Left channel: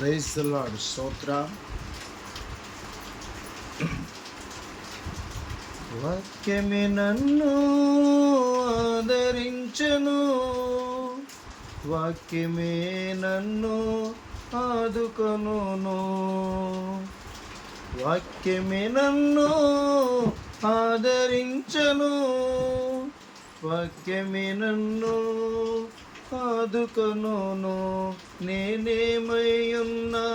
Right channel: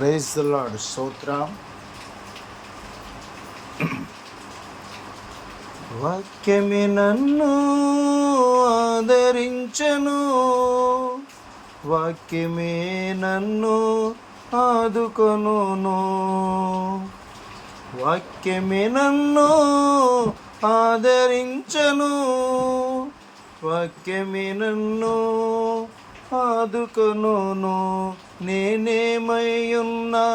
Praise the lord. స్తోత్రం. వాక్యమే నన్ను ఆదరించను, వాక్యమే నన్ను ఆదుకొనును, వాక్యమే నన్ను ఆదరించను, వాక్యమే నన్ను ఆదుకొనును. నేనేమై ఉన్నా,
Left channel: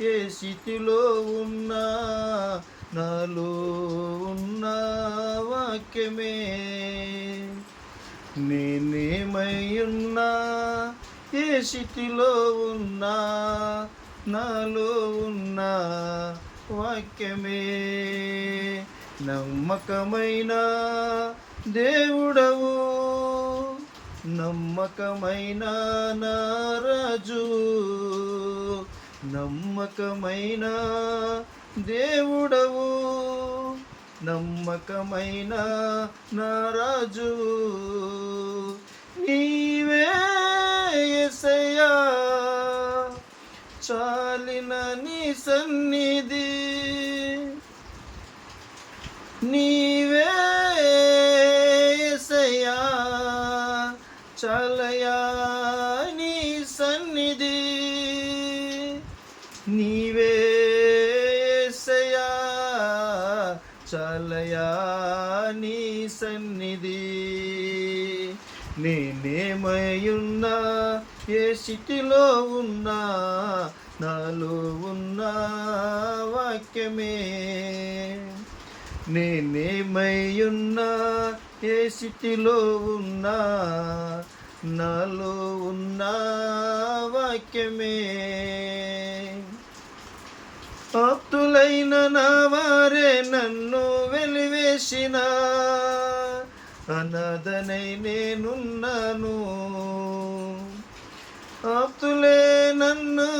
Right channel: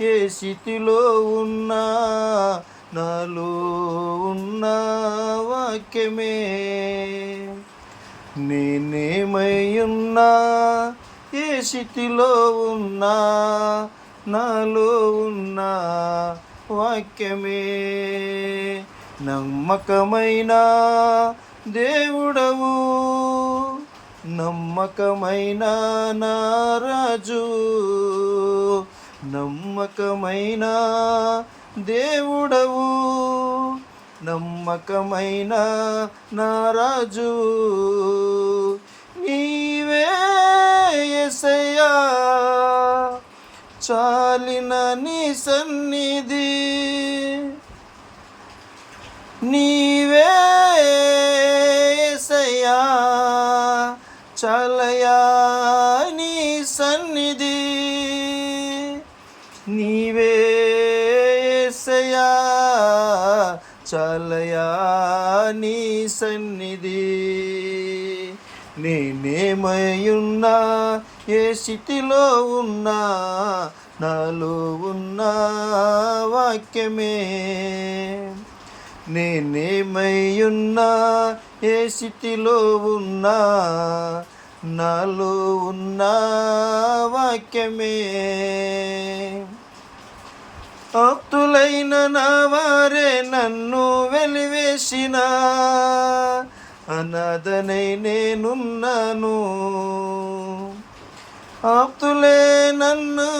ఏ స్థితిలో ఉన్నా, నాలో ఉన్న వాక్యమే. నేనేమై ఉన్నా, ఏ స్థితిలో ఉన్నా, నాలో ఉన్న వాక్యమే. నమ్మకమైన దేవుడవు, నమ్మకమైన నా రాజు, నమ్మకమైన దేవుడవు, నమ్మకమైన నా రాజు. నీవే యేసయ్యా, చాలిన నీ సన్నిధి, నీవే యేసయ్యా, చాలయా నీ సన్నిధి, నీవే యేసయ్యా, చాలయా నీ సన్నిధి. నేనేమై ఉన్నా, ఏ స్థితిలో ఉన్నా, నాలో ఉన్న వాక్యమే. నేనేమై ఉన్నా, ఏ స్థితిలో ఉన్నా, నాలో ఉన్న వాక్యమే. ఆప్తులైన నా వారే నన్ను వెలివేసిన, అనాథనై నేనున్నాను. ఆప్తులే నన్ను,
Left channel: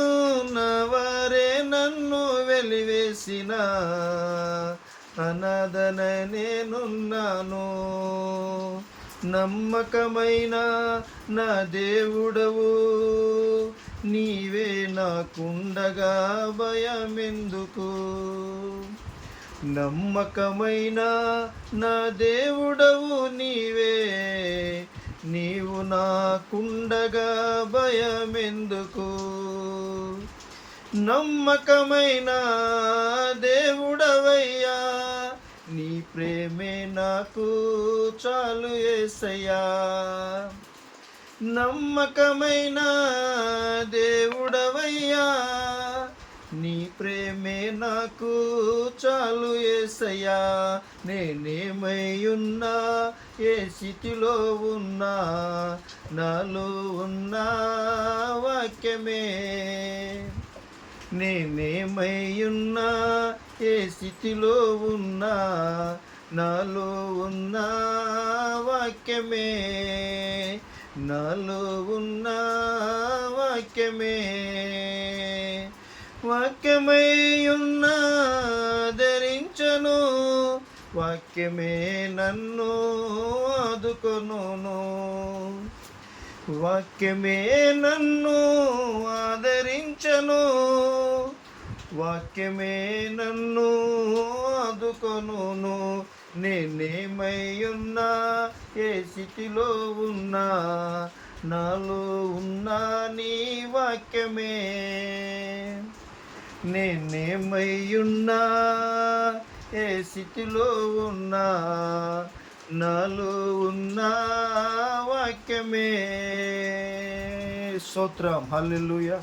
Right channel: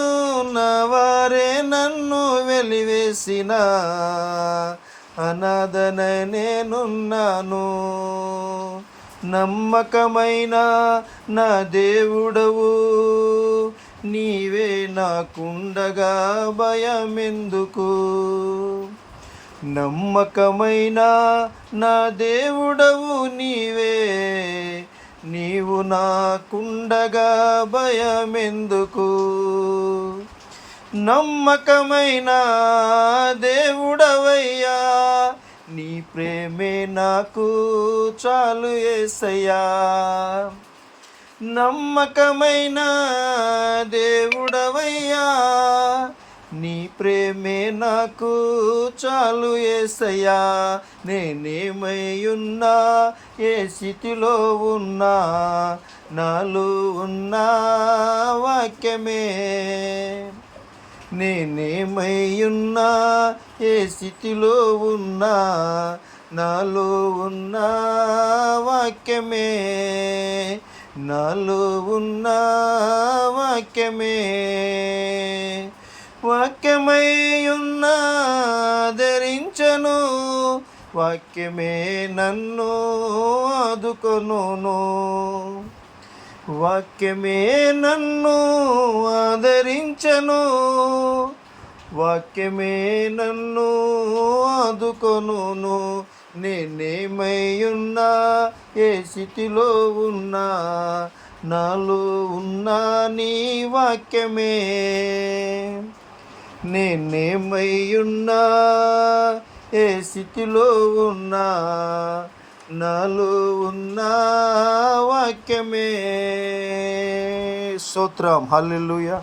నా వారే నన్ను వెలివేసిన, అనాథనై నేనున్నాను. నమ్మకమైన నా దేవుడవు, నీవే నాకుండగా భయమెందుకు. నమ్మకమైన నా దేవుడవు నీవే, నీవు నాకుండగా భయమెందుకు. నమ్మకమైన దేవుడవయ్యా, నీ ప్రేమే నాకు చాలు యేసయ్యా. నమ్మకమైన దేవుడవయ్యా, నీ ప్రేమే నాకు చాలు యేసయ్యా. నేనేమై ఉన్నా, ఏ స్థితిలో ఉన్నా, నాలో ఉన్న వాక్యమే. నేనేమై ఉన్నా, ఏ స్థితిలో ఉన్నా, నాలో ఉన్న వాక్యమే. నాలో ఉన్న వాక్యమే. వాక్యమై ఉన్న ధరించను, వాక్యమే నన్ను ఆదుకొనును, వాక్యమే నన్ను ఆదరించను, వాక్యమే నన్ను ఆదుకొనును. నేనేమై ఉన్నా, ఏ స్థితిలో ఉన్నా, నాలో ఉన్న నీ వాక్యమే. నేనేమై ఉన్నా, ఏ స్థితిలో ఉన్నా, నాలో ఉన్న వాక్యమే. స్తోత్రం. హల్లెలూయా.